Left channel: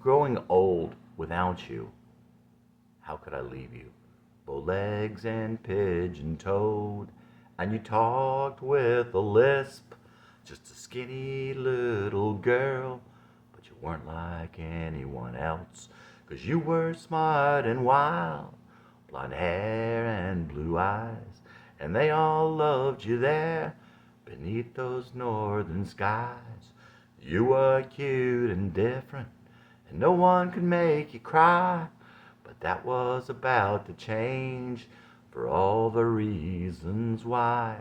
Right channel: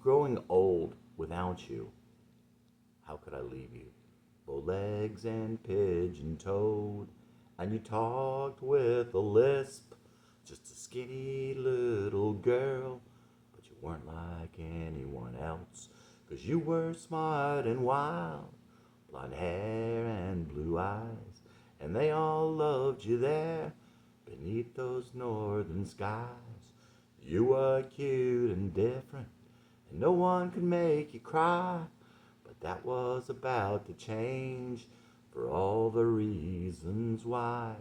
growing old without you. How could I leave you? Bow-legs and pigeon-toed, and you talked with a lisp, just a skinny little girl, but you weren't like anyone else, 'cause you were smart and wild, blonde hair and blue eyes, and they all loved you there beneath those northern skies. You were cute and different, and no one could make you cry, but that was about to change for all the reasons why.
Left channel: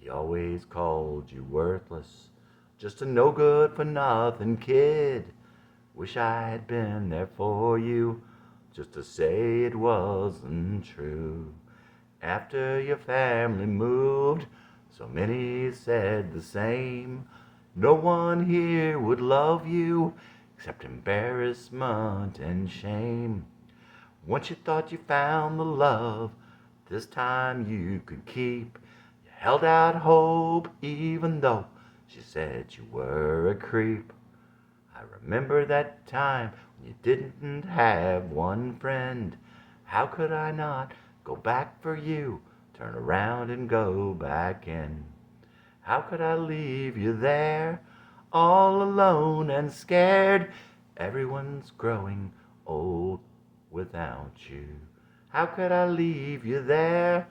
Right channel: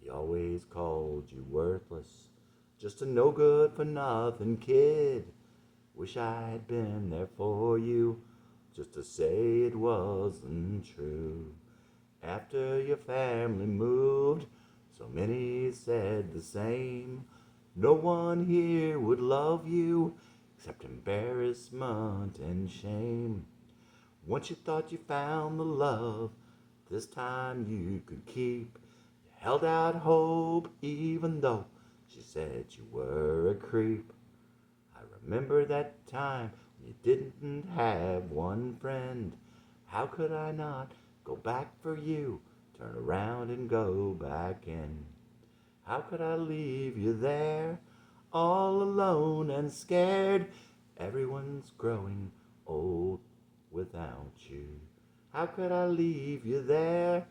He always called you worthless, just a no good for nothing kid. Wish I had been there for you, just to say it wasn't true. After your family moved, so many said the same. No one here would love you except embarrassment and shame. Once you thought you found the love this time you could keep, you held out hope even though she said you were a creep. I remember that time when you didn't have one friend. How could I not go back for you, turn around and go back in? How could I leave you there, all alone and scared? Everyone's growing old without you. How could I leave you there,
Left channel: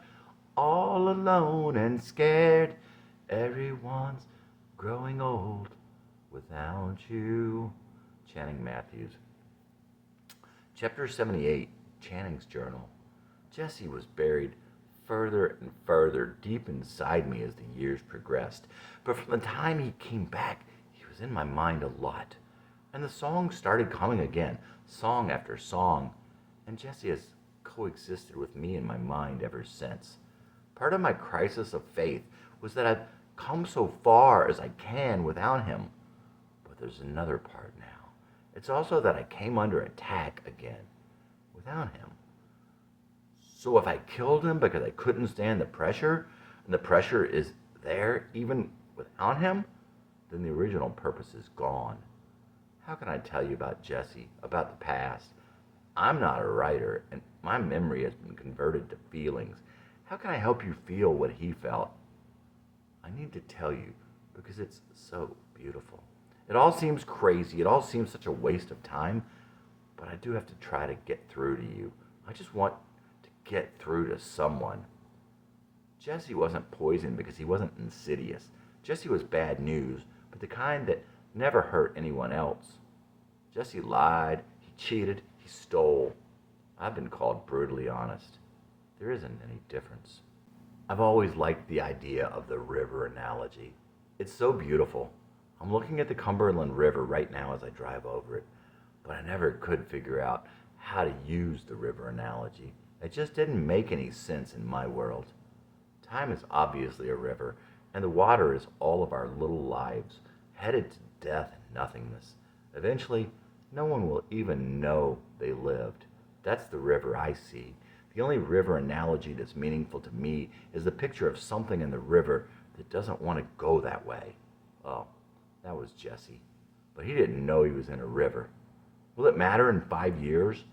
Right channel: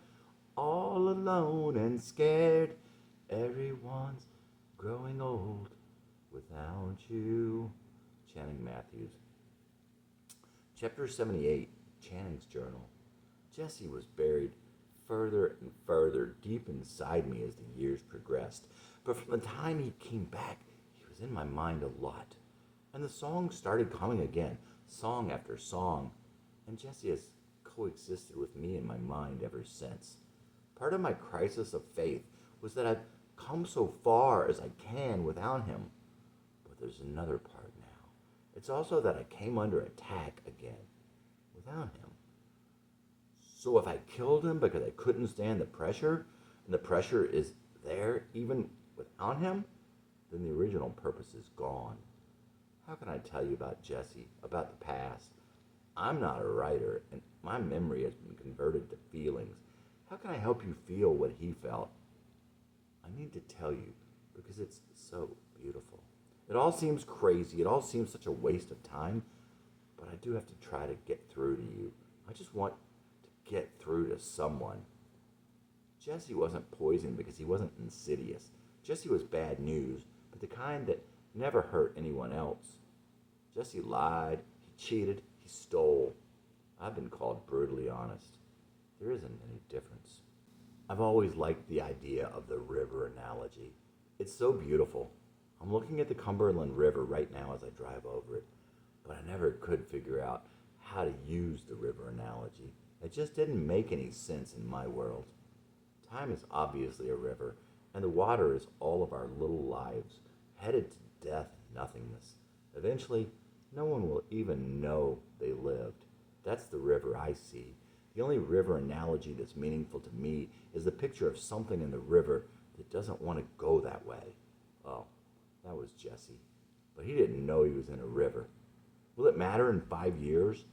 all alone and scared? Everyone's growing old without you. Channing Matthews. Chapter 78, Channing's Journal. Jesse was buried further and further deep inside me as the years progressed. But from the time he came back, he was in my mind a lot. And the songs started coming again, song after song. And Jesse has coexisted with me in my mind ever since. Part of my crisis of faith was that I've come so far as I can without him. But there's another part now. It's also that I came under attack again without him. So if I killed him because I couldn't stand the pressure, and the pressure is there even without him, then the original purpose is gone. How can I tell you about Jesse, about the past? I'm not a writer, and my memory has been converted to feelings. How can I help you feel what he felt? I need to tell you because it's so beautiful. It all seems crazy. It all seems such a waste of time, but I do have to try to get through to you. I just want to get through to someone. Jesse wasn't poisoned because he wasn't insidious. Jesse was bad news, but the kind that never hurt anyone else. Jesse lied, he cheated, he stole. I've been called brutally honest. There isn't any difference. I've always liked the idea of the river analogy. It's so beautiful. I'm looking at the Cumberland River right now as I drive over it, but I never could figure out how to use the river analogy. It just didn't make any sense in my world. Time is obviously a river, and the water is all of our little lives, headed to death and nothingness. Eventually, no one will even know they lived. That's the river I see. The only river analogy that's meaningful to me is the picture of something in the river that doesn't want to go that way. Oh, that was Jesse. But he didn't know he was in a river. Will it matter in 5 years?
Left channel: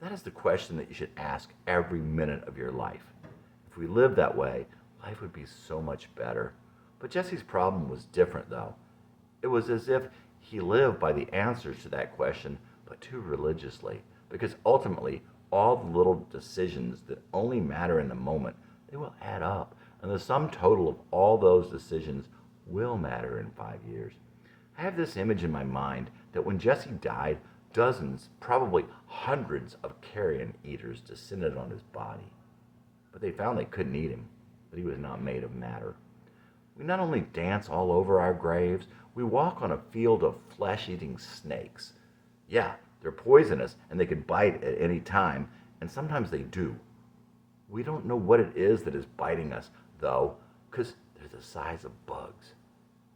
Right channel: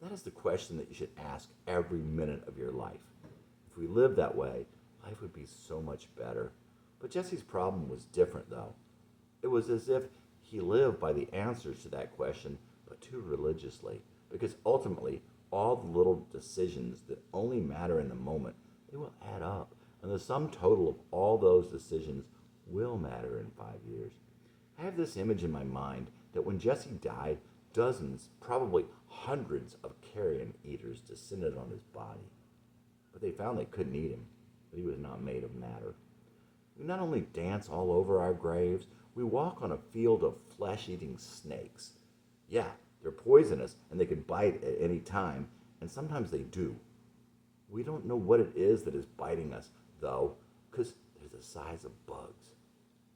That is the question that you should ask every minute of your life. If we lived that way, life would be so much better. But Jesse's problem was different, though. It was as if he lived by the answers to that question, but too religiously, because ultimately, all the little decisions that only matter in the moment, they will add up, and the sum total of all those decisions will matter in 5 years. I have this image in my mind that when Jesse died, dozens, probably hundreds of carrion eaters descended on his body. But they found they couldn't eat him, but he was not made of matter. We not only dance all over our graves, we walk on a field of flesh-eating snakes. Yeah, they're poisonous and they can bite at any time, and sometimes they do. We don't know what it is that is biting us, though, because they're the size of bugs.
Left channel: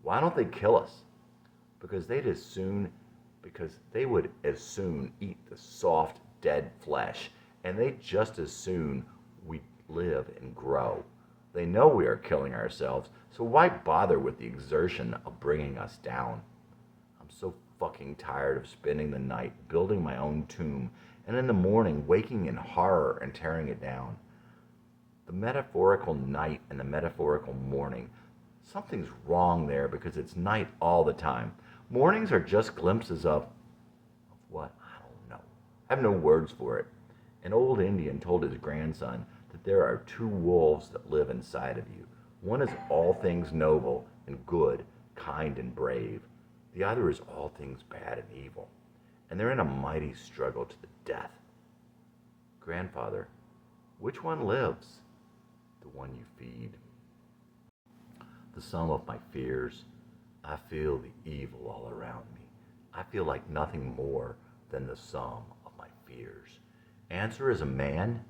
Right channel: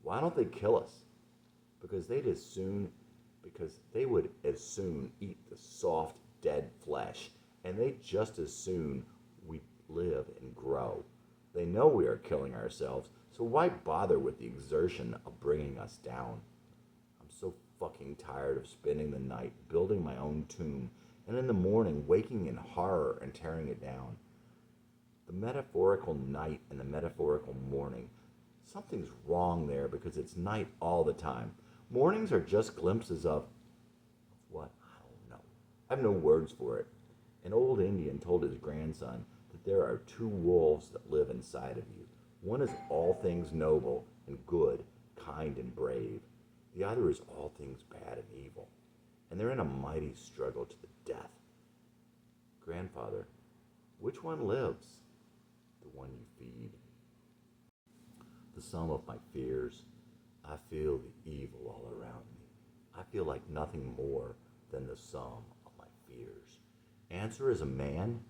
Why don't they kill us? Because they would as soon eat the soft, dead flesh, and they just as soon we live and grow. They know we are killing ourselves, so why bother with the exertion of bringing us down? I'm so fucking tired of spending the night building my own tomb and in the morning waking in horror and tearing it down. The metaphorical night and the metaphorical morning. Something's wrong there because it's night all the time. Mornings are just glimpses of what? I don't know. I have no words for it. An old Indian told his grandson that there are two wolves that live inside of you. One is all things noble and good, kind and brave. The other is all things bad and evil. And they're in a mighty struggle to the death. Grandfather, which one lives? The one you feed. The sum of my fears. I feel the evil all around me. I feel like nothing more than the sum of my fears. Answer as a man,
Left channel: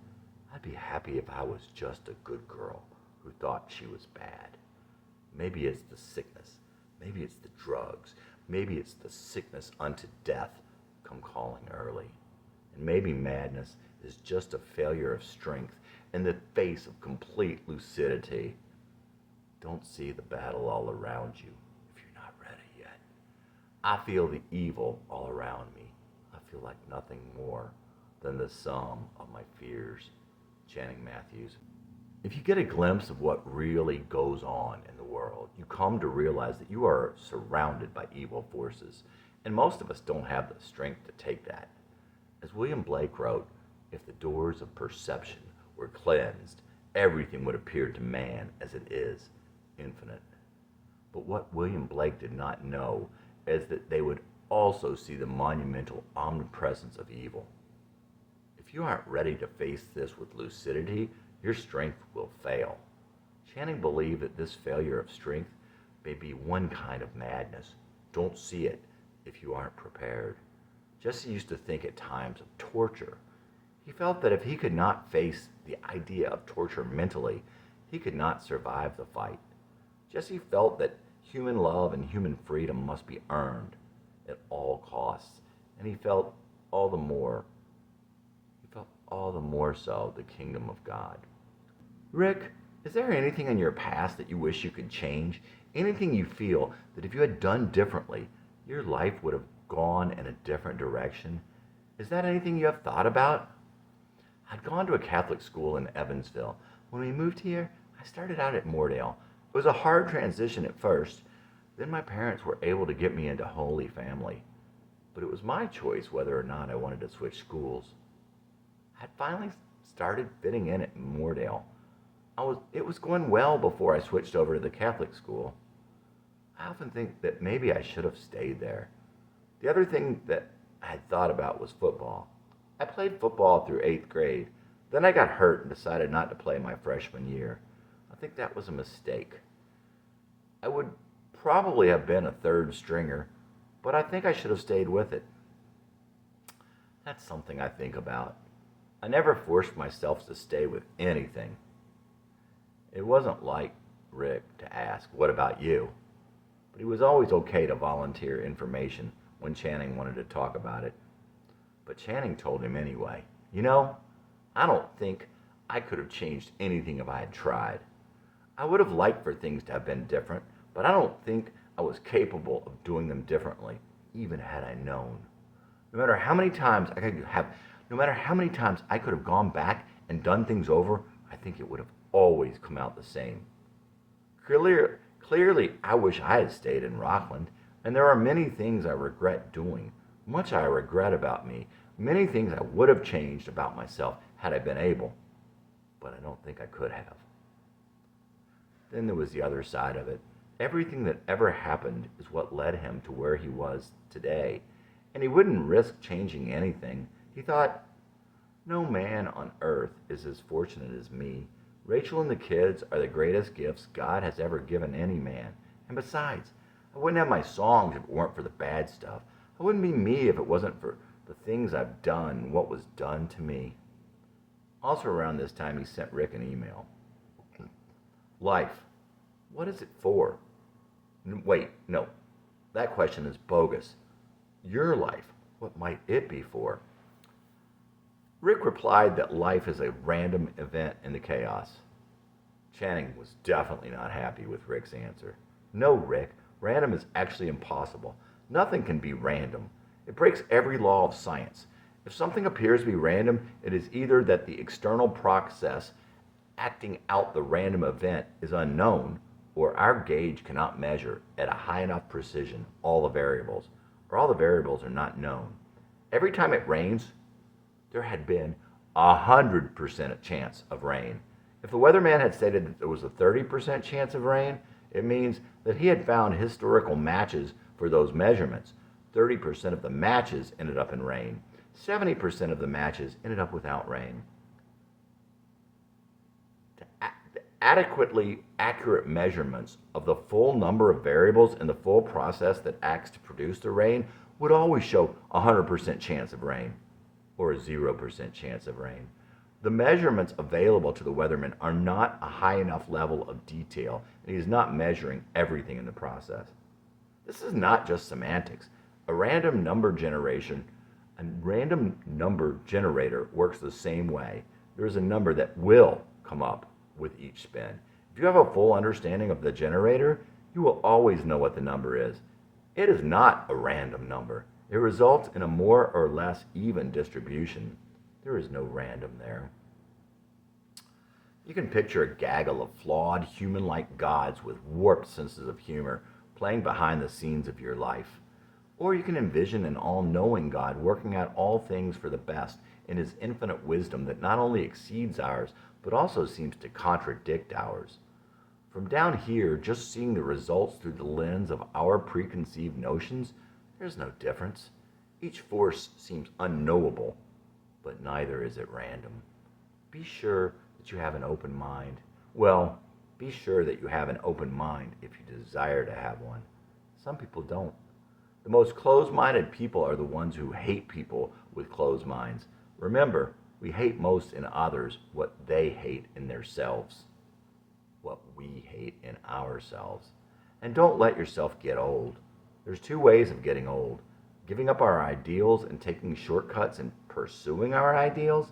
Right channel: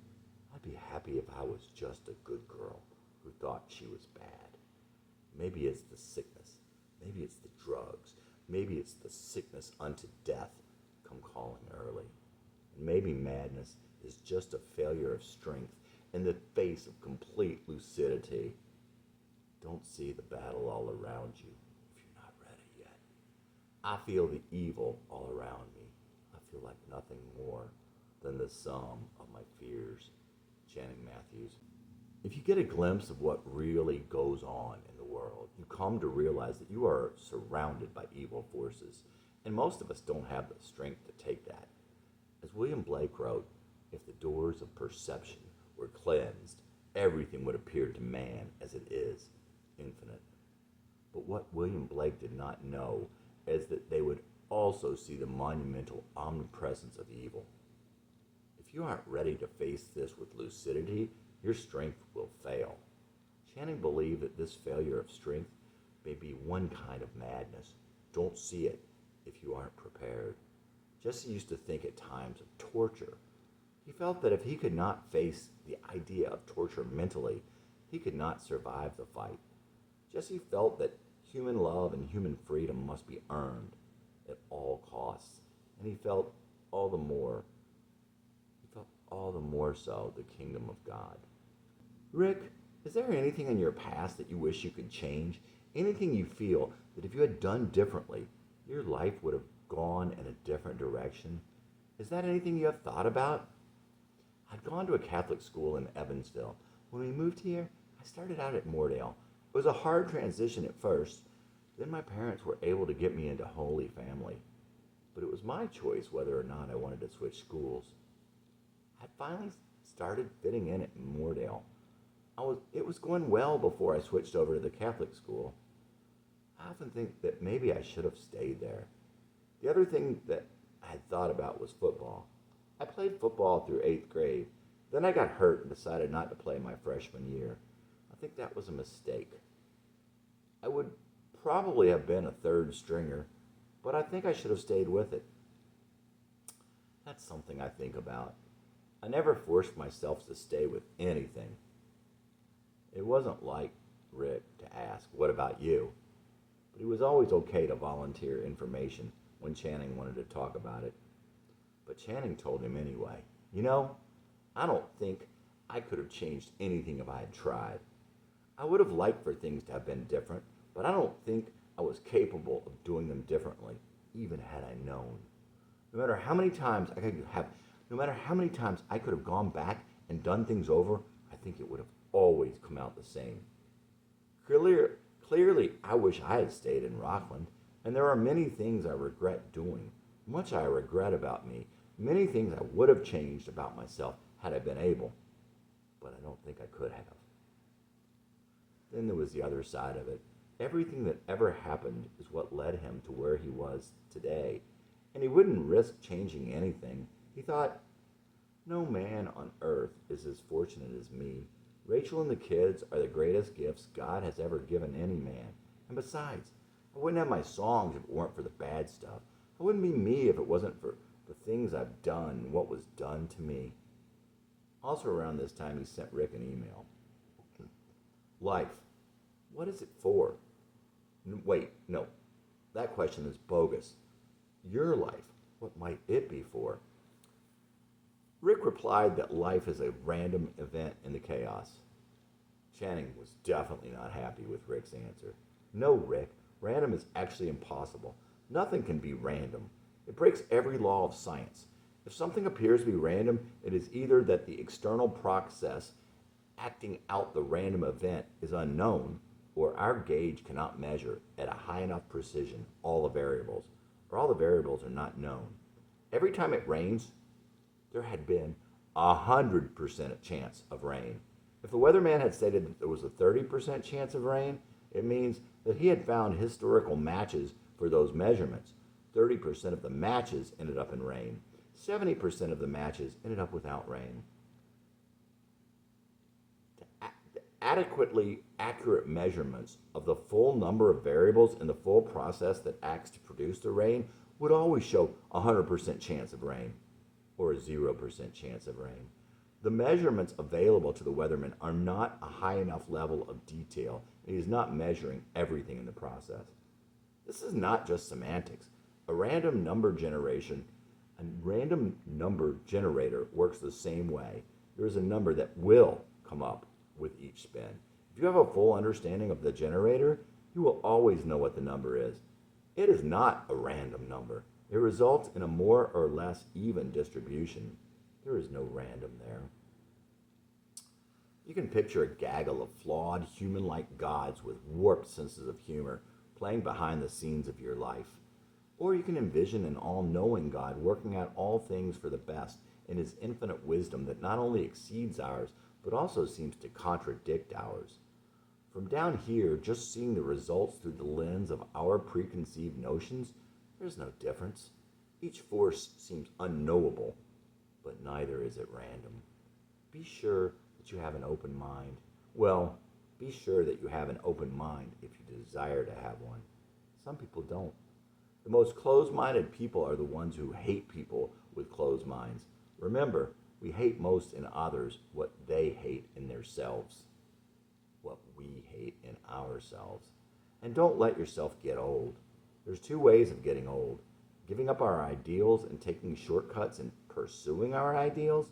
I'd be happy if I was just a good girl who thought she was bad. Maybe it's the sickness. Maybe it's the drugs. Maybe it's the sickness unto death come calling early. And maybe madness is just a failure of strength in the face of complete lucidity. Don't see the battle all around you if you're not ready yet. I feel the evil all around me. I feel like nothing more than the sum of my fears. Channing Matthews. If you get a glimpse of what really goes on in the world, you come to realize that you are surrounded by evil forces, and most of us don't have the strength to take that. As William Blake wrote, if the doors of perception were cleansed, everything would appear to man as it is, infinite. But what William Blake did not know is that they would also see the monumental omnipresence of evil. If you aren't ready to face this with lucidity, your strength will fail. Channing believed that this failure of strength may be one kind of madness. Don't see it if you aren't prepared. Jesse used to think at times of torture. He felt that if he could not face the idea of torture mentally, he could not survive the fight. Jesse felt that human love and human freedom must be earned at all costs, and he felt all the more so the kingdom of God. Rick, is there anything in your past that you wish you could change? Anything you feel that if you had done differently, your life would have gone in a different direction? Is that anything you have thought about? I'd gone to a Catholic school in Evansville. When we moved here, I started out at Moordale. It was a hard transition at first. Then my parents were able to get me into Holy Family. But it was my choice whether or not I wanted to switch schools. I'd finally started fitting in at Moordale. It was going well before I switched over to the Catholic school. I often think that maybe I should have stayed there. The other thing that I had thought about was football. I played football through 8th grade. Then I got hurt and decided not to play my freshman year. I think that was a mistake. I would probably have been a third stringer, but I think I should have stayed with it. That's something I think about. I never forced myself to stay with anything. It wasn't like Rick to ask, "What about you?" But he was always okay to volunteer information when Channing wanted to talk about it. But Channing told him anyway, "You know, I don't think I could have changed anything if I had tried. I would have liked for things to have been different, but I don't think I was capable of doing them differently, even had I known. No matter how many times I could have gone back and done things over, I think it would have always come out the same. Clearly, I wish I had stayed in Rockland, and there are many things I regret doing. Much I regret about me, many things I would have changed about myself had I been able, but I don't think I could have." Then there was the other side of it. Everything that ever happened is what led him to where he was today, and he wouldn't risk changing anything. He thought, "No man on earth is as fortunate as me. Rachel and the kids are the greatest gifts God has ever given any man. And besides, I wouldn't have my songs if it weren't for the bad stuff. I wouldn't be me if it wasn't for the things I've done and what was done to me." Also around this time, he sent Rick an email. Life, what is it for? Wait, no, that question is bogus. Your life, what might it be for? Rick replied that life is a random event in the chaos. Channing was definitely not happy with Rick's answer. "No, Rick, random is actually impossible. Nothing can be random. It breaks every law of science. If something appears to be random, it is either that the external process acting out the random event is unknown, or our gauge cannot measure at a high enough precision all the variables, or all the variables are not known. Every time it rains, there had been 100% chance of rain. If the weatherman had stated that there was a 30% chance of rain, it means that he had found historical matches for those measurements. 30% of the matches ended up in rain. 70% of the matches ended up without rain. The adequately accurate measurements of the full number of variables in the full process that acts to produce the rain would always show a 100% chance of rain or a 0% chance of rain. The measurements available to the weatherman are not a high enough level of detail, and he is not measuring everything in the process. This is not just semantics. A random number generator works the same way. There is a number that will come up with each spin. If you have a full understanding of the generator, you will always know what the number is. It is not a random number. It results in a more or less even distribution. There is no random there. You can picture a gaggle of flawed, human-like gods with warped senses of humor playing behind the scenes of your life. Or you can envision an all-knowing God working out all things for the best in his infinite wisdom that not only exceeds ours, but also seems to contradict ours. From down here, just seeing the results through the lens of our preconceived notions, there's no difference. Each force seems unknowable, but neither is it random. Be sure that you have an open mind. Well, be sure that you have an open mind if you desire to have one. Some people don't. The most closed-minded people are the ones who hate people with closed minds. Remember, we hate most in others what they hate in themselves, what we hate in ourselves. And don't let yourself get old. There's two ways of getting old: giving up our ideals and taking shortcuts and pursuing our ideals.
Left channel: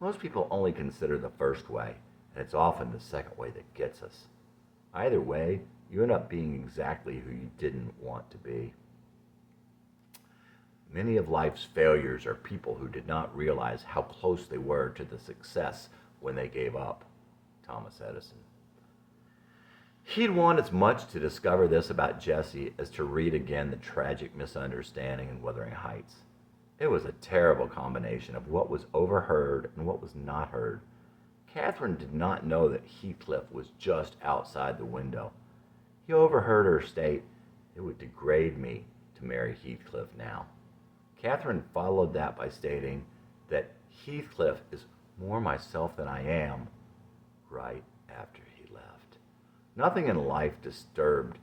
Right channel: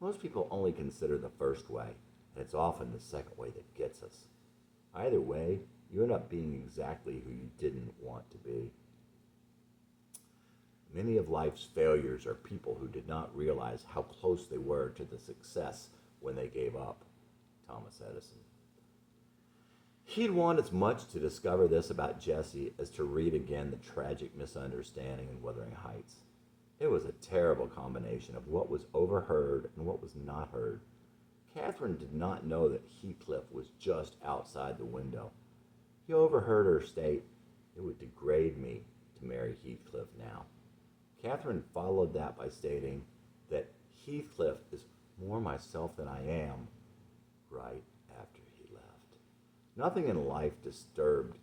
Most people only consider the first way, and it's often the second way that gets us. Either way, you end up being exactly who you didn't want to be. Many of life's failures are people who did not realize how close they were to the success when they gave up. Thomas Edison. He'd want as much to discover this about Jesse as to read again the tragic misunderstanding in Wuthering Heights. It was a terrible combination of what was overheard and what was not heard. Catherine did not know that Heathcliff was just outside the window. He overheard her state, "It would degrade me to marry Heathcliff now." Catherine followed that by stating that Heathcliff is more myself than I am, right after he left. Nothing in life disturbed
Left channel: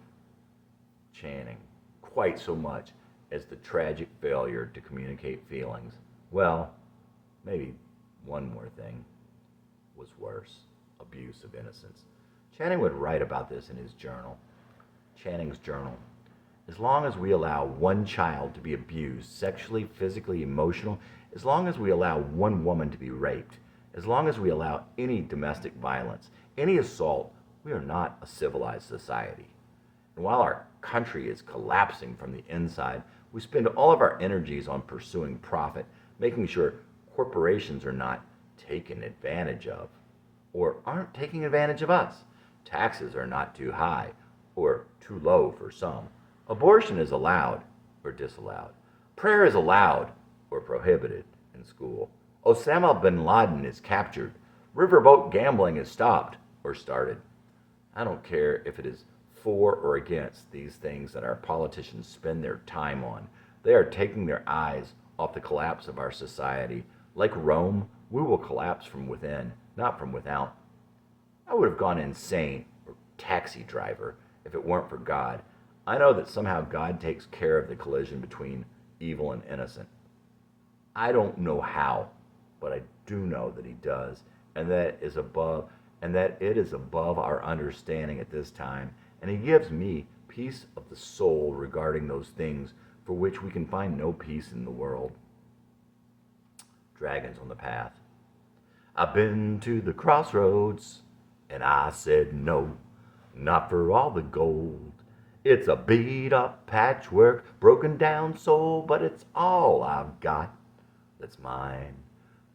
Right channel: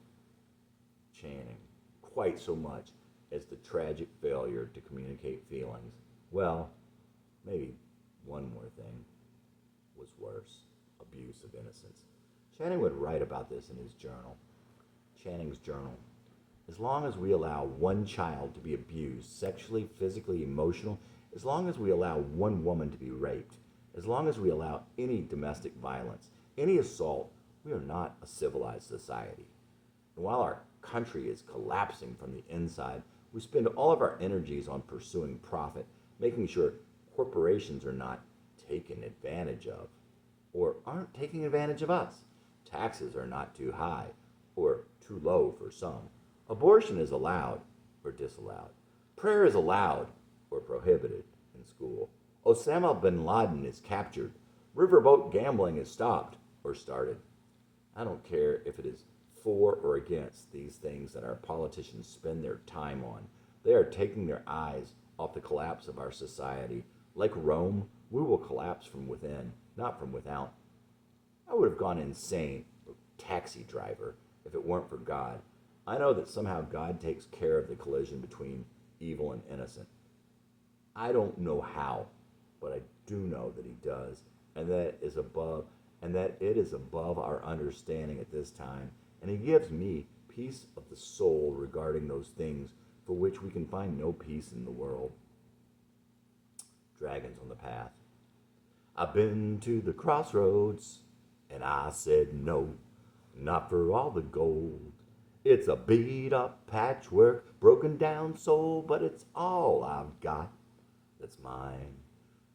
Channing quite so much as the tragic failure to communicate feelings. Well, maybe one more thing was worse: abuse of innocence. Channing would write about this in his journal. Channing's journal. As long as we allow one child to be abused, sexually, physically, emotional, as long as we allow one woman to be raped, as long as we allow any domestic violence, any assault, we are not a civilized society. And while our country is collapsing from the inside, we spend all of our energies on pursuing profit, making sure corporations are not taken advantage of, or aren't taking advantage of us. Taxes are not too high, or too low for some. Abortion is allowed or disallowed. Prayer is allowed or prohibited in school. Osama bin Laden is captured. Riverboat gambling is stopped or started. I don't care if it is for or against these things that our politicians spend their time on. They are taking their eyes off the collapse of our society. Like Rome, we will collapse from within, not from without. I would have gone insane or taxi driver if it weren't for God. I know that somehow God takes care of the collision between evil and innocent. I don't know how, but I do know that he does, and that it is above our understanding at this time, and he gives me peace of the soul regarding those things for which we can find no peace in the world. Dragons on the path. I've been to the crossroads, and I said no, not for all the gold. It's a beat up patchwork, broken down soul, but it's all I've got that's mine.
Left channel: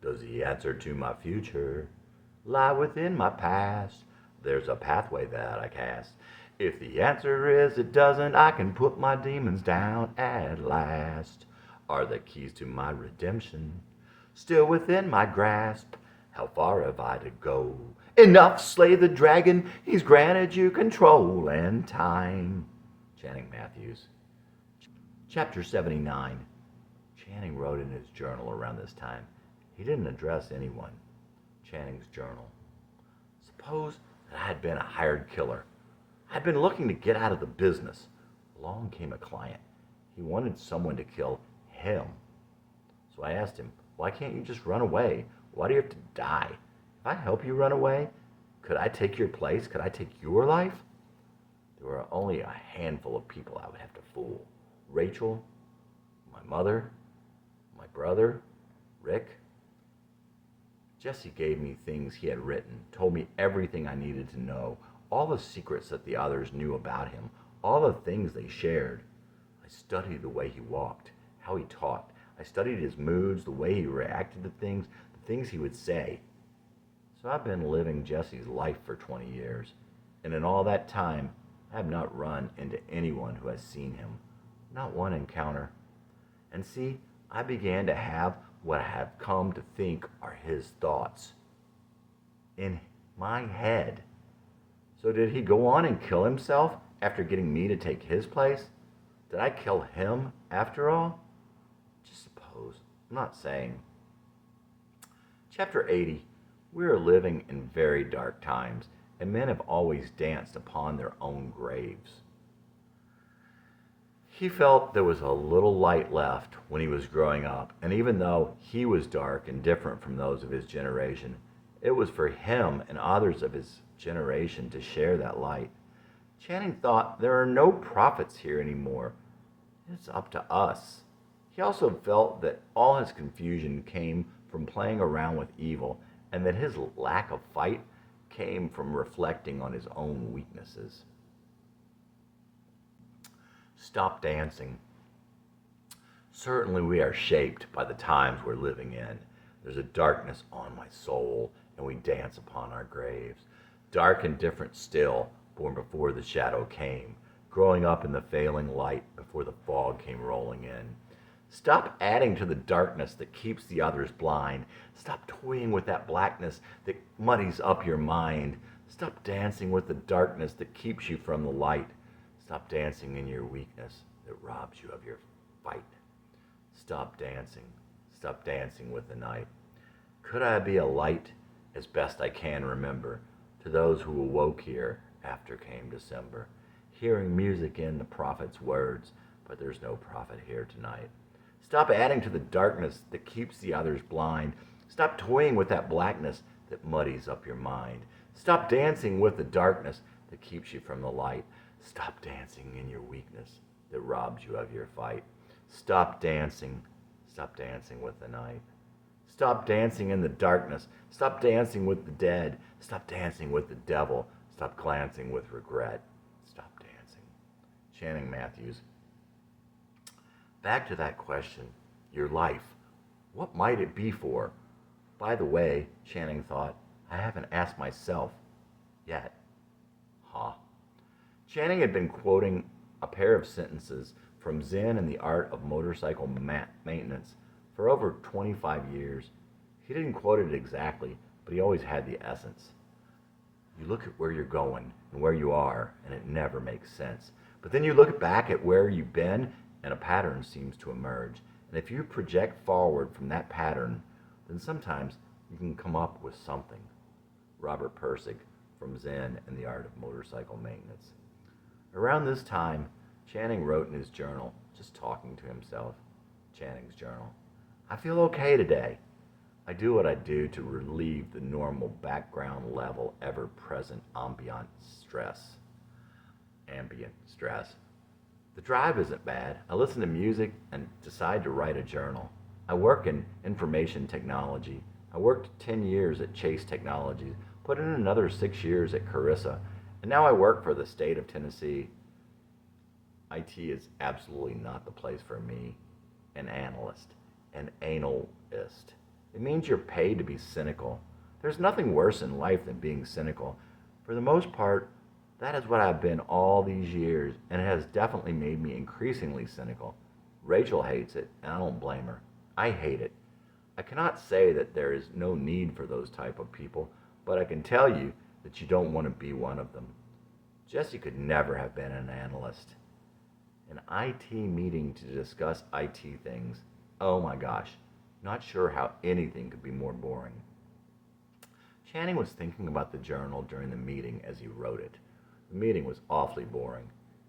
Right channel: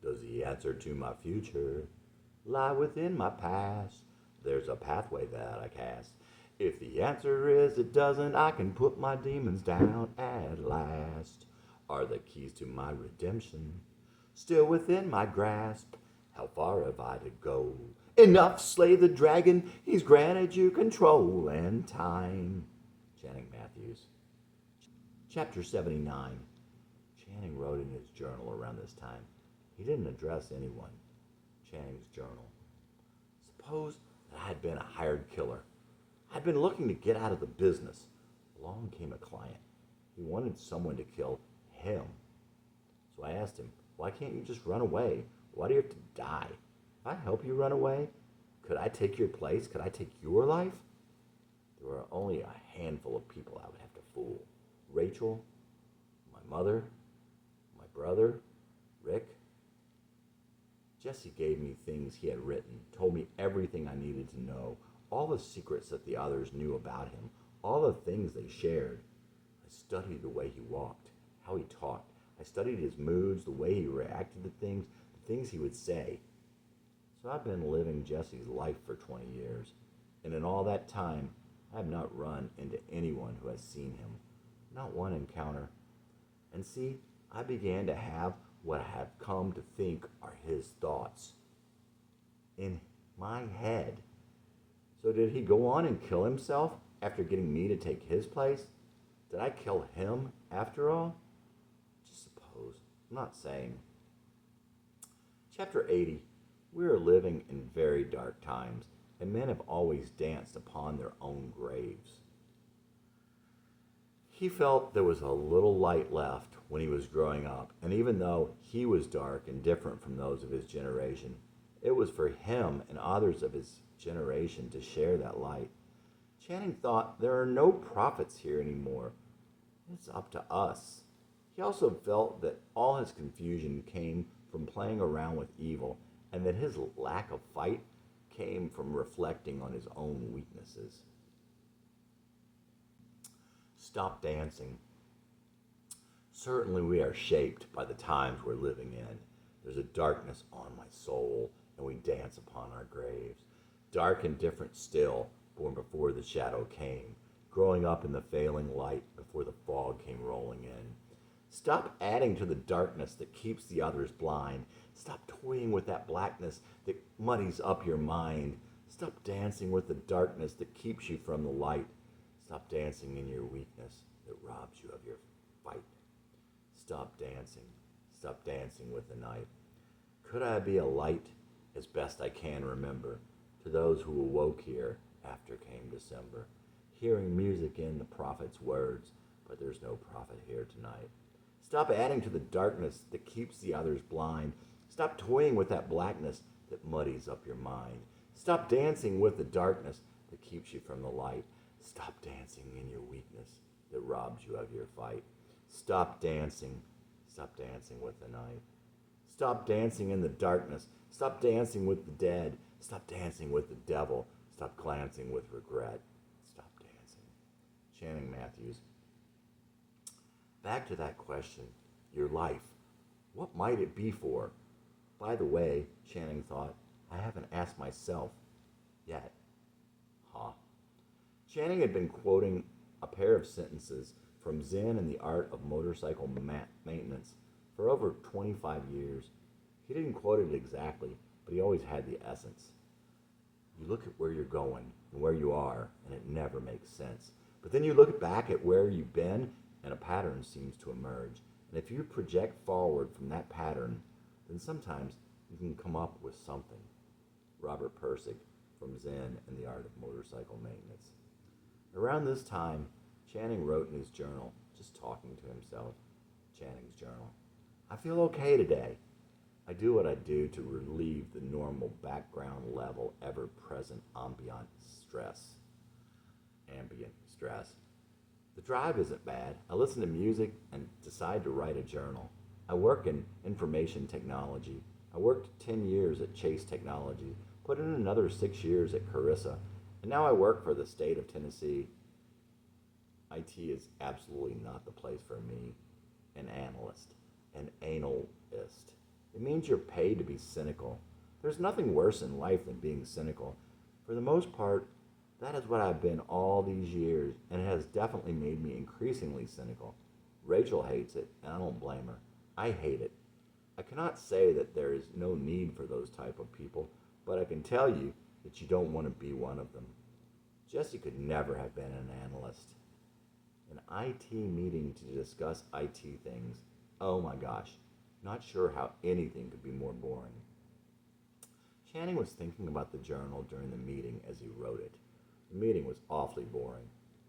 Does the answer to my future lie within my past? There's a pathway that I cast. If the answer is it doesn't, I can put my demons down at last. Are the keys to my redemption still within my grasp? How far have I to go? Enough, slay the dragon. He's granted you control and time. Channing Matthews. Chapter 79. Channing wrote in his journal around this time. He didn't address anyone. Channing's journal. Suppose that I had been a hired killer. I'd been looking to get out of the business. Along came a client. He wanted someone to kill him. So I asked him, why can't you just run away? Why do you have to die? If I help you run away, could I take your place? Could I take your life? There were only a handful of people I would have to fool. Rachel, my mother, my brother, Rick. Jesse gave me things he had written, told me everything I needed to know, all the secrets that the others knew about him, all the things they shared. I studied the way he walked, how he talked. I studied his moods, the way he reacted to things, the things he would say. So I've been living Jesse's life for 20 years, and in all that time, I have not run into anyone who has seen him, not one encounter. And see, I began to have what I have come to think are his thoughts in my head. So did he go on and kill himself after getting me to take his place? Did I kill him after all? Just suppose. I'm not saying. Chapter 80. We are living in very dark times, and men have always danced upon their own graves. He felt there was a little light left when he was growing up, and even though he was dark and different from those of his generation, it was for him and others of his generation to share that light. Channing thought there are no prophets here anymore. It's up to us. He also felt that all his confusion came from playing around with evil, and that his lack of fight came from reflecting on his own weaknesses. Stop dancing. Certainly we are shaped by the times we're living in. There's a darkness on my soul, and we dance upon our graves. Dark and different still, born before the shadow came, growing up in the failing light before the fog came rolling in. Stop adding to the darkness that keeps the others blind. Stop toying with that blackness that muddies up your mind. Stop dancing with the darkness that keeps you from the light. Stop dancing in your weakness that robs you of your fight. Stop dancing. Stop dancing with the night. Could I be a light, as best I can remember, to those who awoke here after came December, hearing music in the prophet's words, but there's no prophet here tonight. Stop adding to the darkness that keeps the others blind. Stop toying with that blackness that muddies up your mind. Stop dancing with the darkness that keeps you from the light. Stop dancing in your weakness that robs you of your fight. Stop dancing. Stop dancing with the night. Stop dancing in the darkness. Stop dancing with the dead. Stop dancing with the devil. Stop glancing with regret. Stop dancing. Channing Matthews. Back to that question, your life. What might it be for? By the way, Channing thought, I haven't asked myself yet. Channing had been quoting a pair of sentences from Zen and the Art of Motorcycle Maintenance for over 25 years. He didn't quote it exactly, but he always had the essence. You look at where you're going and where you are, and it never makes sense. But then you look back at where you've been, and a pattern seems to emerge. And if you project forward from that pattern, then sometimes you can come up with something. Robert Pirsig from Zen and the Art of Motorcycle Maintenance. Around this time, Channing wrote in his journal, just talking to himself, Channing's journal, I feel okay today. I do what I do to relieve the normal background level ever-present ambient stress. The drive isn't bad. I listen to music and decide to write a journal. I work in information technology. I worked 10 years at Chase Technologies, put in another 6 years at Carissa, and now I work for the state of Tennessee. IT is absolutely not the place for me, an analyst, an analist. It means you're paid to be cynical. There's nothing worse in life than being cynical. For the most part, that is what I've been all these years, and it has definitely made me increasingly cynical. Rachel hates it, and I don't blame her. I hate it. I cannot say that there is no need for those type of people, but I can tell you that you don't want to be one of them. Jesse could never have been an analyst. An IT meeting to discuss IT things. Oh my gosh, not sure how anything could be more boring. Channing was thinking about the journal during the meeting as he wrote it. The meeting was awfully boring.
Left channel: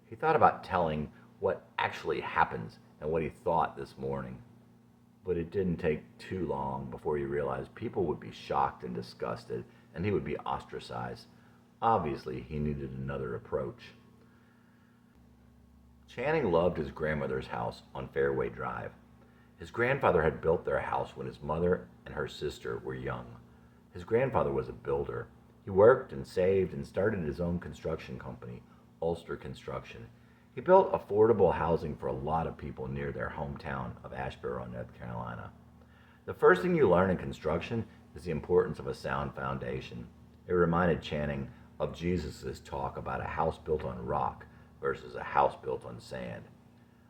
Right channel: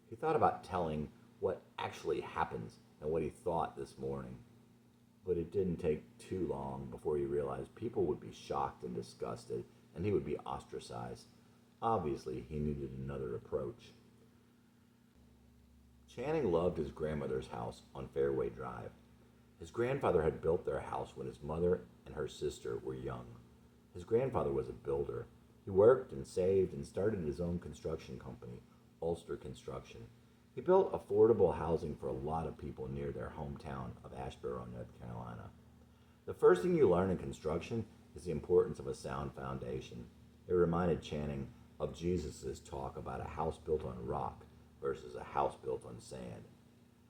He thought about telling what actually happens and what he thought this morning. But it didn't take too long before he realized people would be shocked and disgusted, and he would be ostracized. Obviously, he needed another approach. Channing loved his grandmother's house on Fairway Drive. His grandfather had built their house when his mother and her sister were young. His grandfather was a builder. He worked and saved and started his own construction company, Ulster Construction. He built affordable housing for a lot of people near their hometown of Asheboro, North Carolina. The first thing you learn in construction is the importance of a sound foundation. It reminded Channing of Jesus' talk about a house built on rock versus a house built on sand.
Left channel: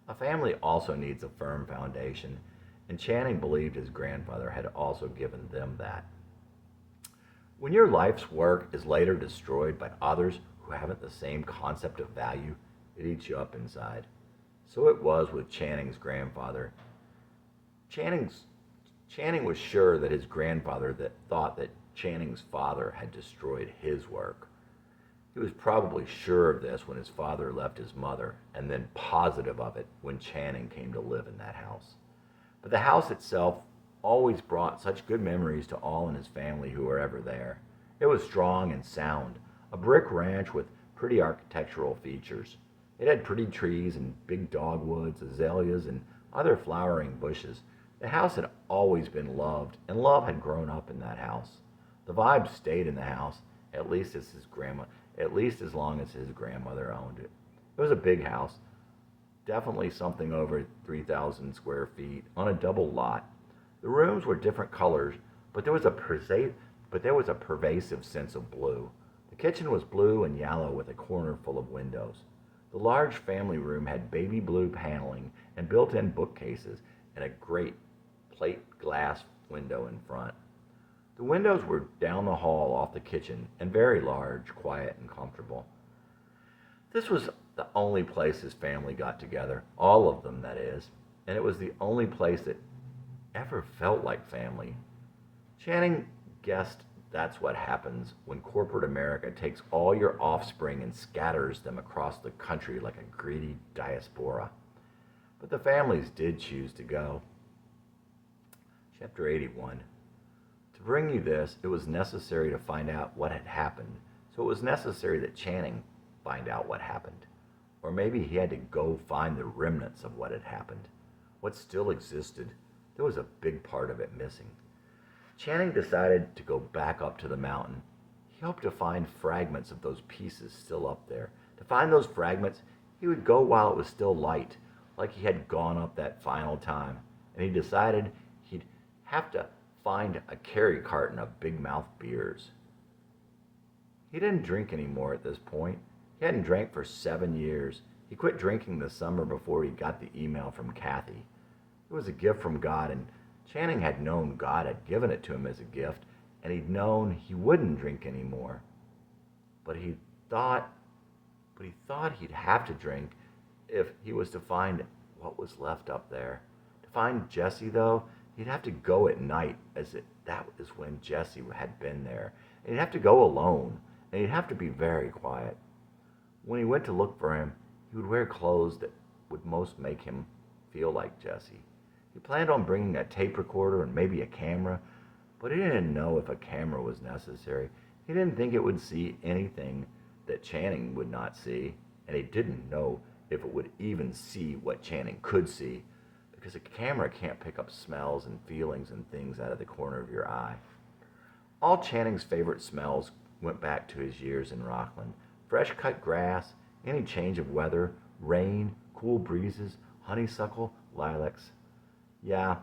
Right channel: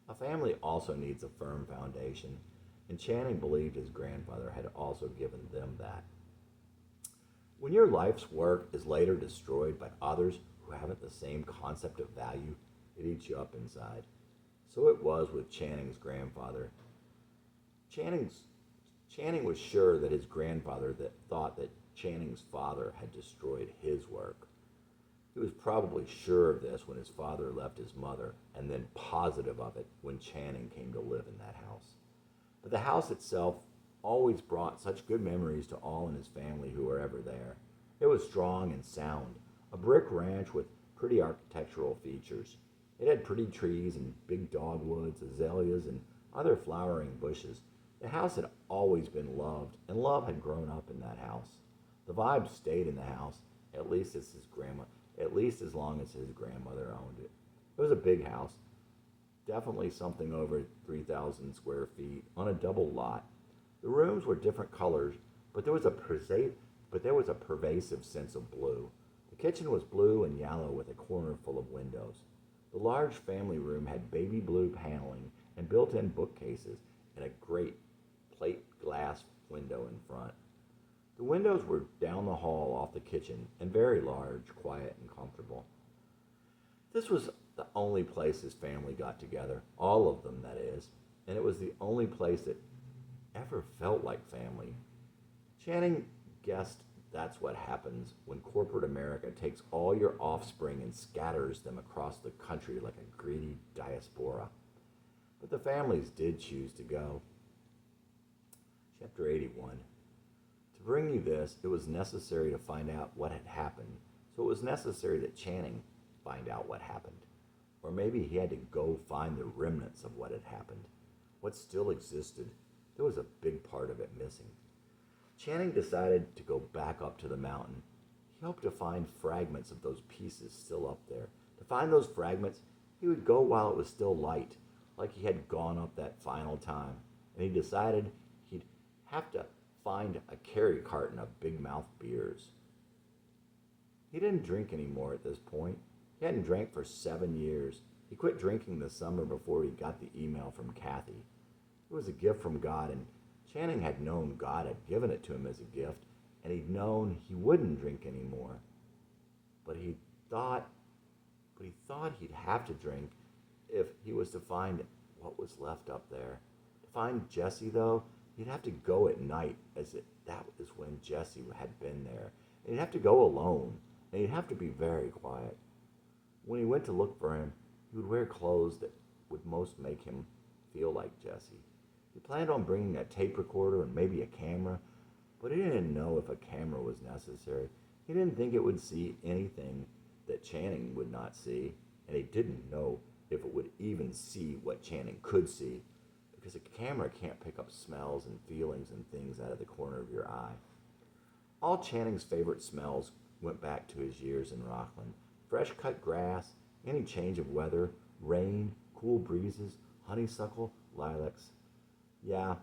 A family also needs a firm foundation, and Channing believed his grandfather had also given them that. When your life's work is later destroyed by others who haven't the same concept of value, it eats you up inside. So it was with Channing's grandfather. Channing was sure that his grandfather thought that Channing's father had destroyed his work. He was probably sure of this when his father left his mother, and then positive of it when Channing came to live in that house. But the house itself always brought such good memories to all in his family who were ever there. It was strong and sound, a brick ranch with pretty architectural features. It had pretty trees and big dogwoods, azaleas, and other flowering bushes. The house had always been loved, and love had grown up in that house. The vibe stayed in the house, at least as long as his grandmother owned it. It was a big house, definitely something over 3,000 square feet on a double lot. The rooms were different colors, but there was a pervasive sense of blue. The kitchen was blue and yellow with a corner full of windows. The large family room had baby blue paneling and built-in bookcases and a great plate glass window in front. The windows were down the hall off the kitchen and very large, quiet, and comfortable. This was the only place his family got together, all of them, that is, and it was the only place that ever felt like family. Channing guessed that's what happens when corporate America takes all your offspring and scatters them across the country like a greedy diaspora. But the families did choose to go. Chapter 81. To bring you this, it was necessary to find out what had happened, so it was necessary that Channing find out what happened. Or maybe he had to go find the remnants of what had happened. What still existed, there was a big part of it missing. Channing decided to go back up to the mountain. He hoped to find fragments of those pieces still up there. To find those fragments, he would go while it was still light, like he had gone up that final time. And he decided he'd have to find a carry carton of Big Mouth beers. He didn't drink anymore at this point. He hadn't drank for 7 years. He quit drinking the summer before he got the email from Kathy. It was a gift from God, and Channing had known God had given it to him as a gift, and he'd known he wouldn't drink anymore. But he thought he'd have to drink if he was to find what was left up there. To find Jesse, though, he'd have to go at night, that was when Jesse had been there. And he'd have to go alone, and he'd have to be very quiet. When he went to look for him, he would wear clothes that would most make him feel like Jesse. He planned on bringing a tape recorder and maybe a camera, but he didn't know if a camera was necessary. He didn't think it would see anything that Channing would not see, and he didn't know if it would even see what Channing could see, because a camera can't pick up smells and feelings and things out of the corner of your eye. All Channing's favorite smells went back to his years in Rockland. Fresh cut grass, any change of weather, rain, cool breezes, honeysuckle, lilacs. Yeah,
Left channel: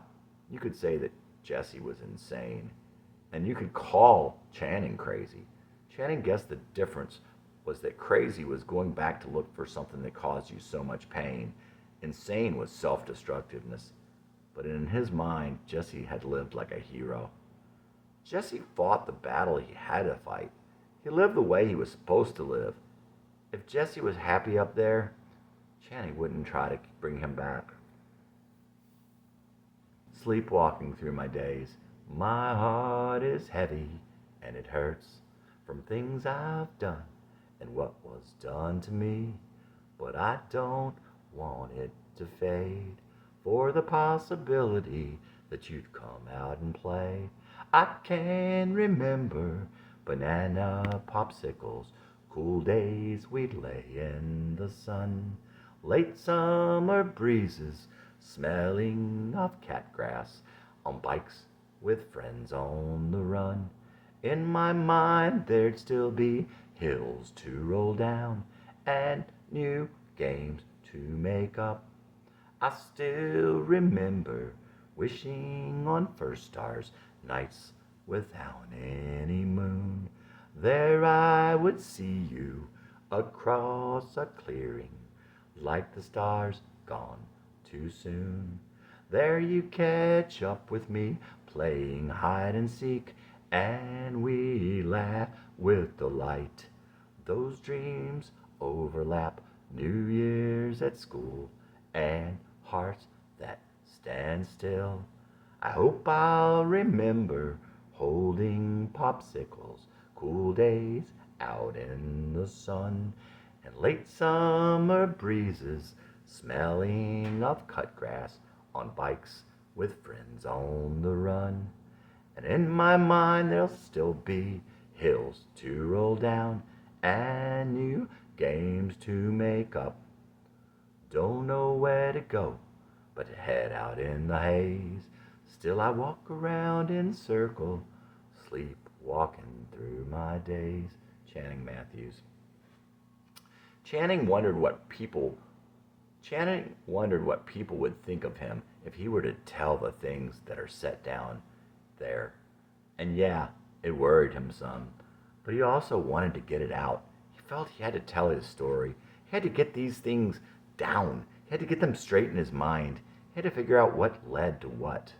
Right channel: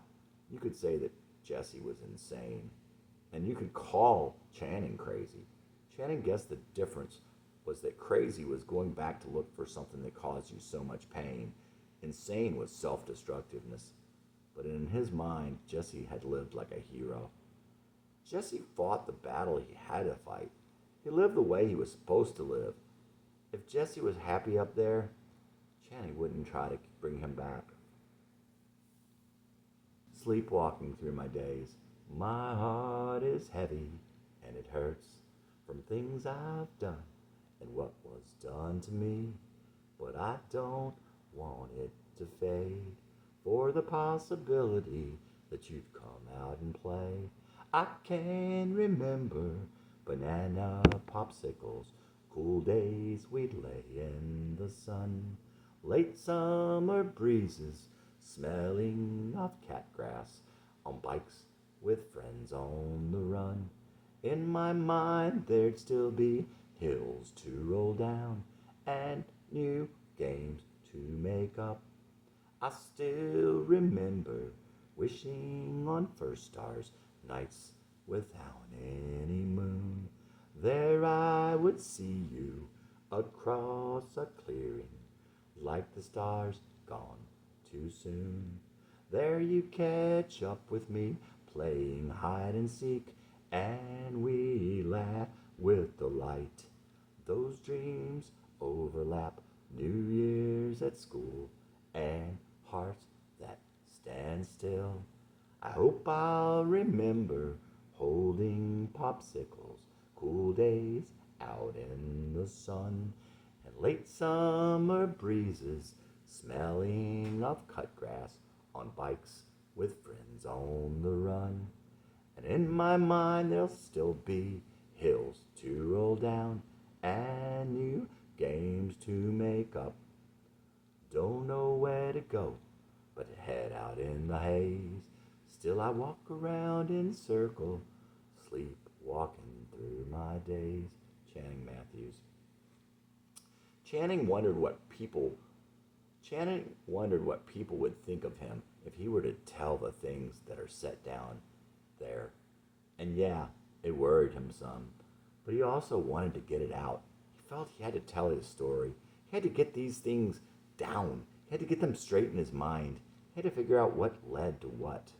you could say that Jesse was insane. And you could call Channing crazy. Channing guessed the difference was that crazy was going back to look for something that caused you so much pain. Insane was self destructiveness. But in his mind, Jesse had lived like a hero. Jesse fought the battle he had to fight. He lived the way he was supposed to live. If Jesse was happy up there, Channing wouldn't try to bring him back. Sleepwalking through my days, my heart is heavy and it hurts from things I've done and what was done to me. But I don't want it to fade for the possibility that you'd come out and play. I can remember banana popsicles, cool days we'd lay in the sun, late summer breezes, smelling of catgrass, on bikes with friends on the run. In my mind there'd still be hills to roll down and new games to make up. I still remember wishing on first stars, nights without any moon. There I would see you across a clearing, like the stars gone too soon. There you catch up with me, playing hide and seek, and we laugh with delight. Those dreams overlap, New Year's at school, and hearts that stand still. I hope I'll remember holding popsicles, cool days out in the sun, and late summer breezes, smelling of cut grass, on bikes with friends on the run. And in my mind there'll still be hills to roll down and new games to make up. Don't know where to go, but to head out in the haze. Still I walk around in circle, sleep walking through my days. Channing Matthews. Channing wondered what people would think of him if he were to tell the things that are set down there. And yeah, it worried him some, but he also wanted to get it out. He felt he had to tell his story. He had to get these things down. He had to get them straight in his mind. He had to figure out what led to what.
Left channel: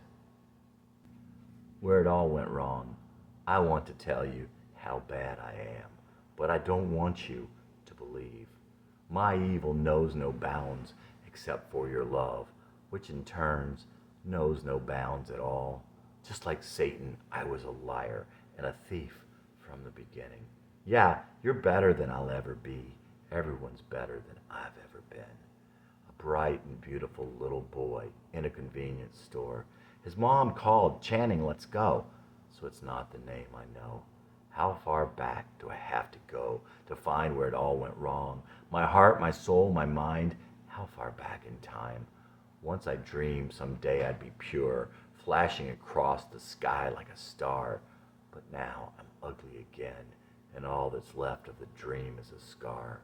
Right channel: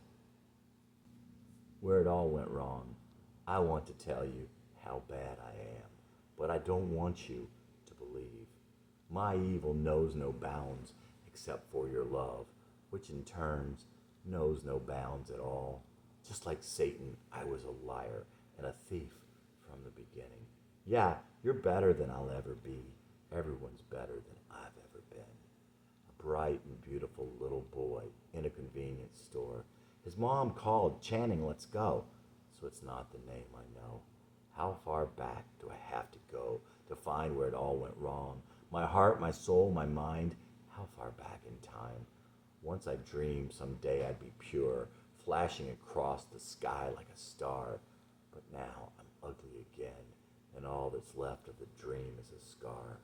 Where it all went wrong. I want to tell you how bad I am, but I don't want you to believe. My evil knows no bounds except for your love, which in turns knows no bounds at all. Just like Satan, I was a liar and a thief from the beginning. Yeah, you're better than I'll ever be. Everyone's better than I've ever been. A bright and beautiful little boy in a convenience store. His mom called, Channing, let's go. So it's not the name I know. How far back do I have to go to find where it all went wrong? My heart, my soul, my mind, how far back in time? Once I dreamed someday I'd be pure, flashing across the sky like a star. But now I'm ugly again, and all that's left of the dream is a scar.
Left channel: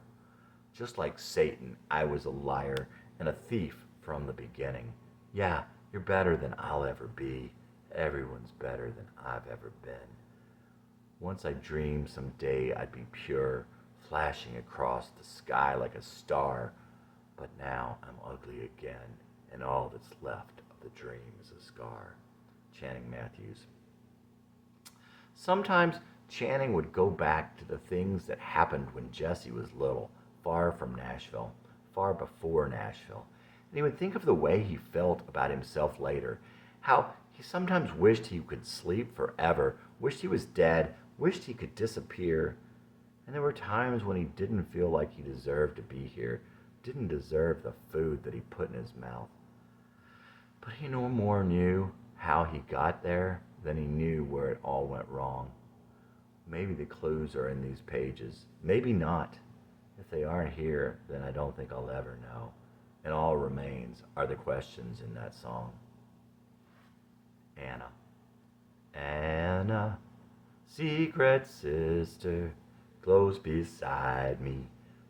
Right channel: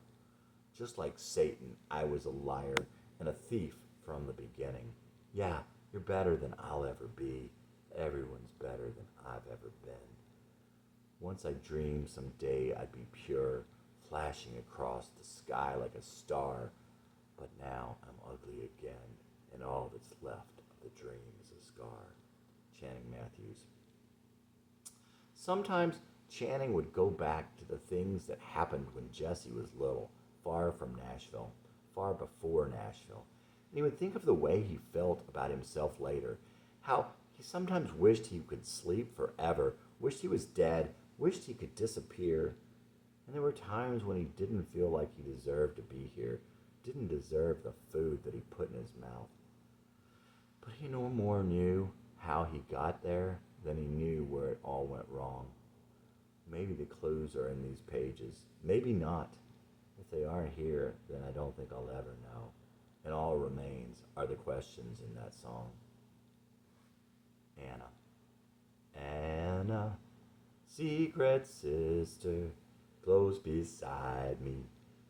Just like Satan, I was a liar and a thief from the beginning. Yeah, you're better than I'll ever be. Everyone's better than I've ever been. Once I dreamed someday I'd be pure, flashing across the sky like a star. But now I'm ugly again, and all that's left of the dream is a scar. Channing Matthews. Sometimes Channing would go back to the things that happened when Jesse was little, far from Nashville, far before Nashville. And he would think of the way he felt about himself later, how he sometimes wished he could sleep forever, wished he was dead, wished he could disappear. And there were times when he didn't feel like he deserved to be here, didn't deserve the food that he put in his mouth. But he no more knew how he got there than he knew where it all went wrong. Maybe the clues are in these pages. Maybe not. If they aren't here, then I don't think I'll ever know. And all remains are the questions in that song. Anna. Anna, secret sister, close beside me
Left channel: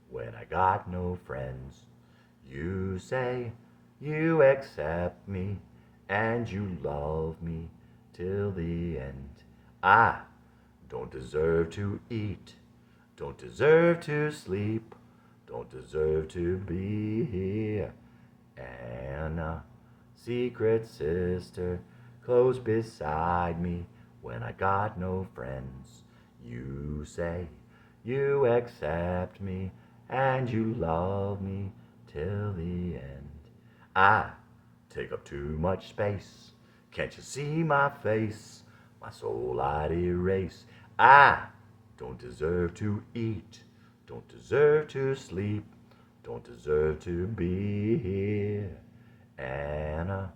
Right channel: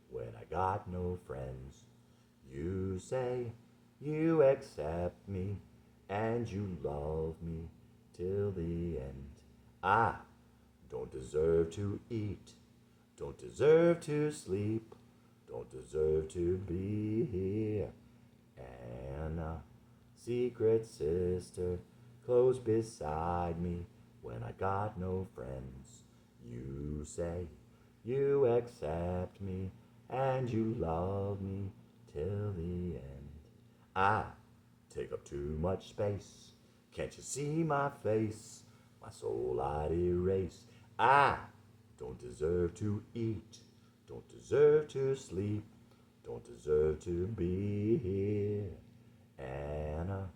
when I got no friends. You say you accept me and you love me till the end. I don't deserve to eat, don't deserve to sleep, don't deserve to be here. Anna, secret sister, close beside me when I got no friends. You say you accept me and you love me till the end. I take up too much space. Can't you see my face? My soul I'd erase. I don't deserve to eat, don't deserve to sleep, don't deserve to be here. Anna,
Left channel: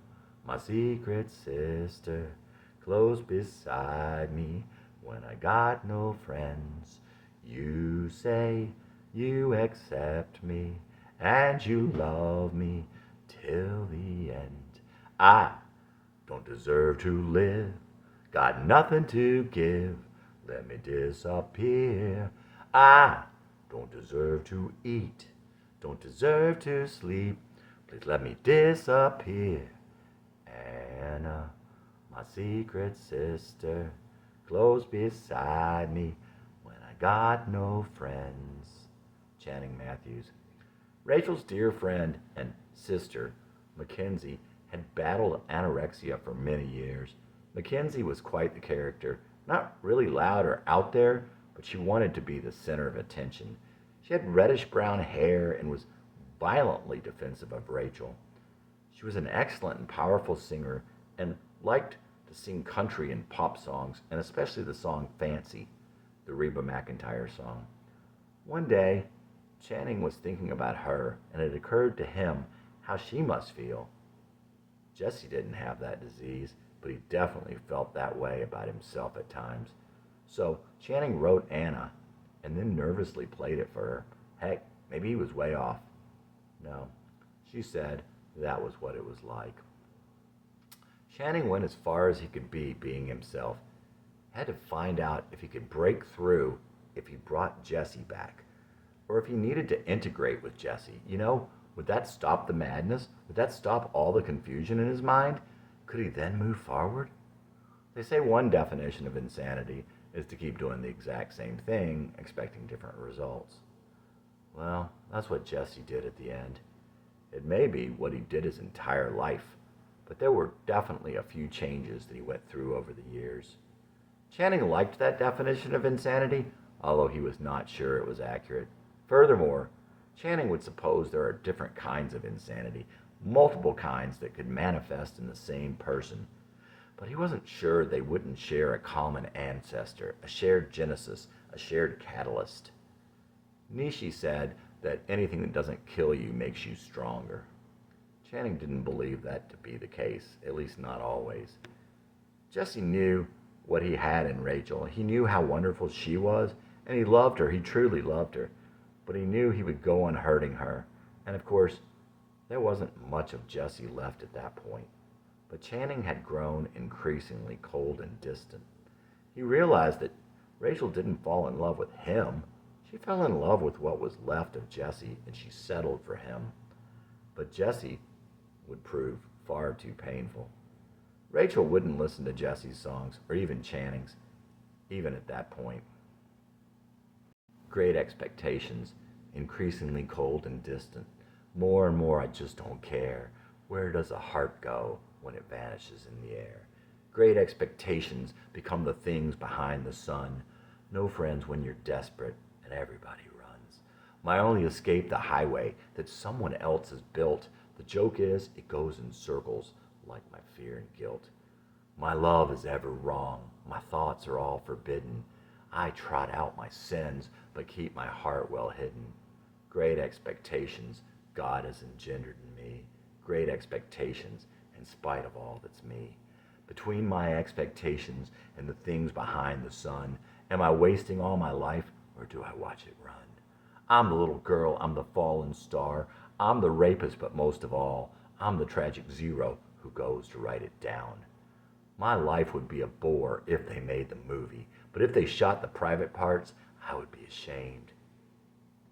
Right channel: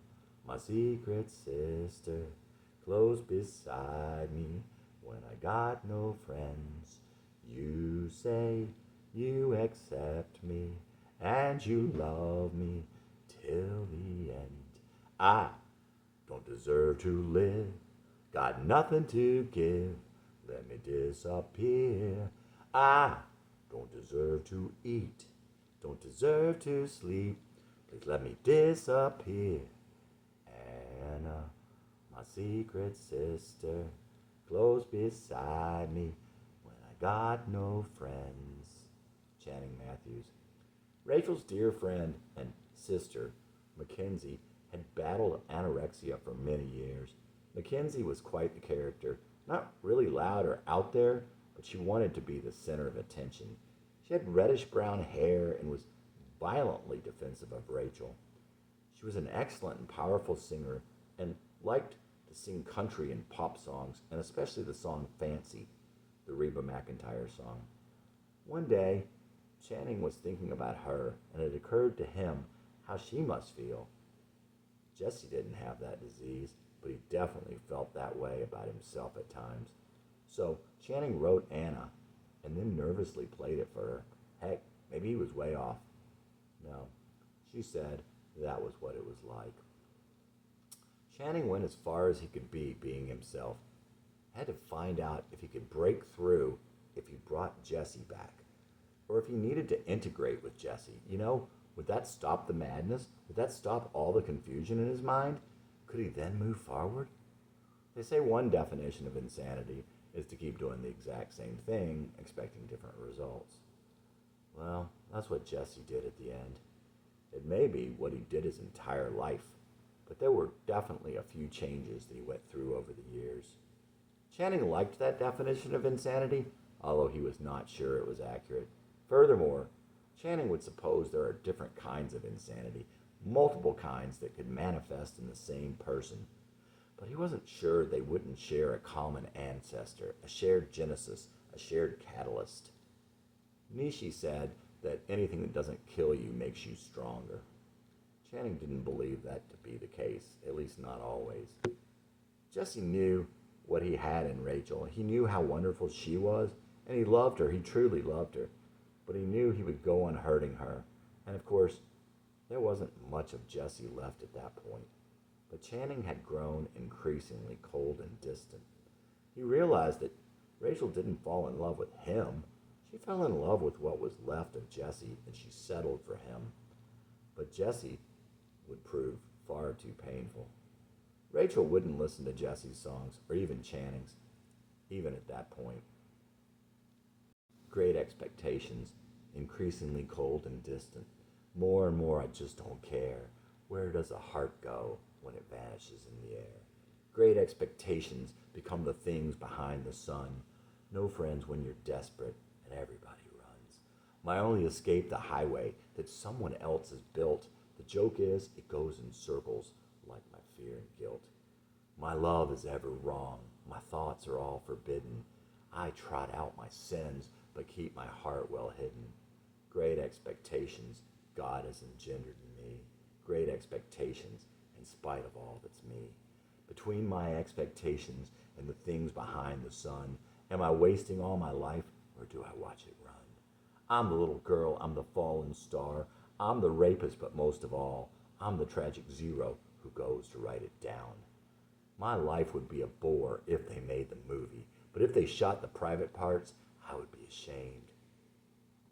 my secret sister, close beside me when I got no friends. You say you accept me and you love me till the end. I don't deserve to live, got nothing to give. Let me disappear. I don't deserve to eat, don't deserve to sleep. Please let me disappear. Anna, my secret sister, close beside me when I got no friends. Channing Matthews. Rachel's dear friend and sister, Mackenzie, had battled anorexia for many years. Mackenzie was quite the character, not really loud or out there, but she wanted to be the center of attention. She had reddish brown hair and was violently defensive of Rachel. She was an excellent and powerful singer and liked to sing country and pop songs, and especially the song Fancy, the Reba McEntire song. One day, Channing was thinking about her, and it occurred to him how she must feel. Jesse didn't have that disease, but he definitely felt that way about himself at times. So Channing wrote Anna, and then nervously played it for her. Heck, maybe he was way off. No, she said that was what it was like. Channing went as far as he could be being himself. Had to find out if he could break through if he brought Jesse back, or if he needed to integrate with Jesse. Would that stop the madness? Would that stop all the confusion in his mind? Could he then move forward? They say one definition of insanity is to keep doing the exact same thing, expecting different results. Well, that's what Jesse did at the end. It may be what he did his entire life, but there were definitely a few changes that he went through over the years. Channing liked that definition of insanity, although he was not sure it was accurate. Furthermore, Channing would suppose there are different kinds of insanity, multiple kinds that could manifest in the same person. But he wasn't sure they wouldn't share a common ancestor, a shared genesis, a shared catalyst. Nietzsche said that anything that doesn't kill you makes you stronger. Channing didn't believe that to be the case, at least not always. Jesse knew what he had in Rachel. He knew how wonderful she was, and he loved her. He truly loved her. But he knew he would go on hurting her. And of course, there wasn't much of Jesse left at that point. But Channing had grown increasingly cold and distant. He realized that Rachel didn't fall in love with him. She fell in love with what was left of Jesse, and she settled for him. But Jesse would prove far too painful. Rachel wouldn't listen to Jesse's songs, or even Channing's, even at that point. Great expectations, increasingly cold and distant. More and more, I just don't care. Where does a heart go when it vanishes in the air? Great expectations become the things behind the sun. No friends when you're desperate, and everybody runs. My only escape, the highway that someone else has built. The joke is, it goes in circles, like my fear and guilt. My love is ever wrong. My thoughts are all forbidden. I trot out my sins, but keep my heart well hidden. Great expectations God has engendered in me. Great expectations in spite of all that's me. Between my expectations and the things behind the sun, am I wasting all my life, or do I watch it run? I'm the little girl, I'm the fallen star. I'm the rapist, but most of all, I'm the tragic zero who goes to write it down. My life would be a bore if they made the movie, but if they shot the private parts, I would be ashamed.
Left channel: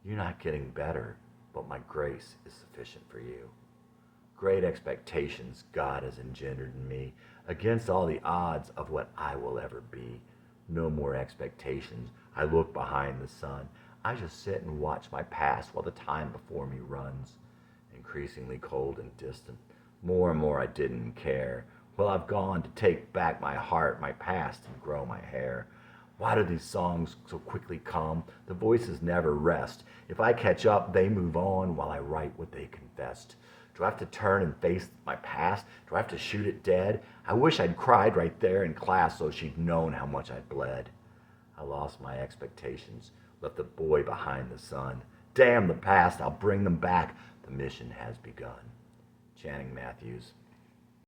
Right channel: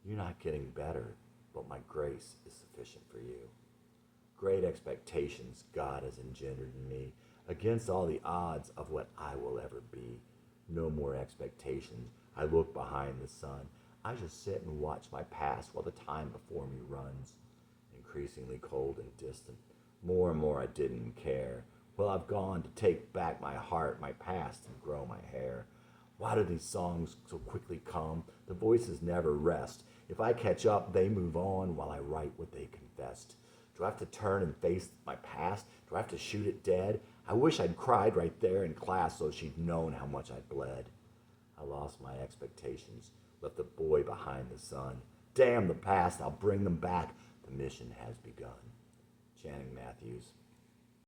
You're not getting better. but my grace is sufficient for you. Great expectations God has engendered in me, against all the odds of what I will ever be. No more expectations. I look behind the sun. I just sit and watch my past while the time before me runs. Increasingly cold and distant. More and more I didn't care. Well, I've gone to take back my heart, my past, and grow my hair. Why do these songs so quickly come? The voices never rest. If I catch up, they move on while I write what they confessed. Do I have to turn and face my past? Do I have to shoot it dead? I wish I'd cried right there in class so she'd known how much I'd bled. I lost my expectations, left the boy behind the sun. Damn the past, I'll bring them back. The mission has begun. Channing Matthews.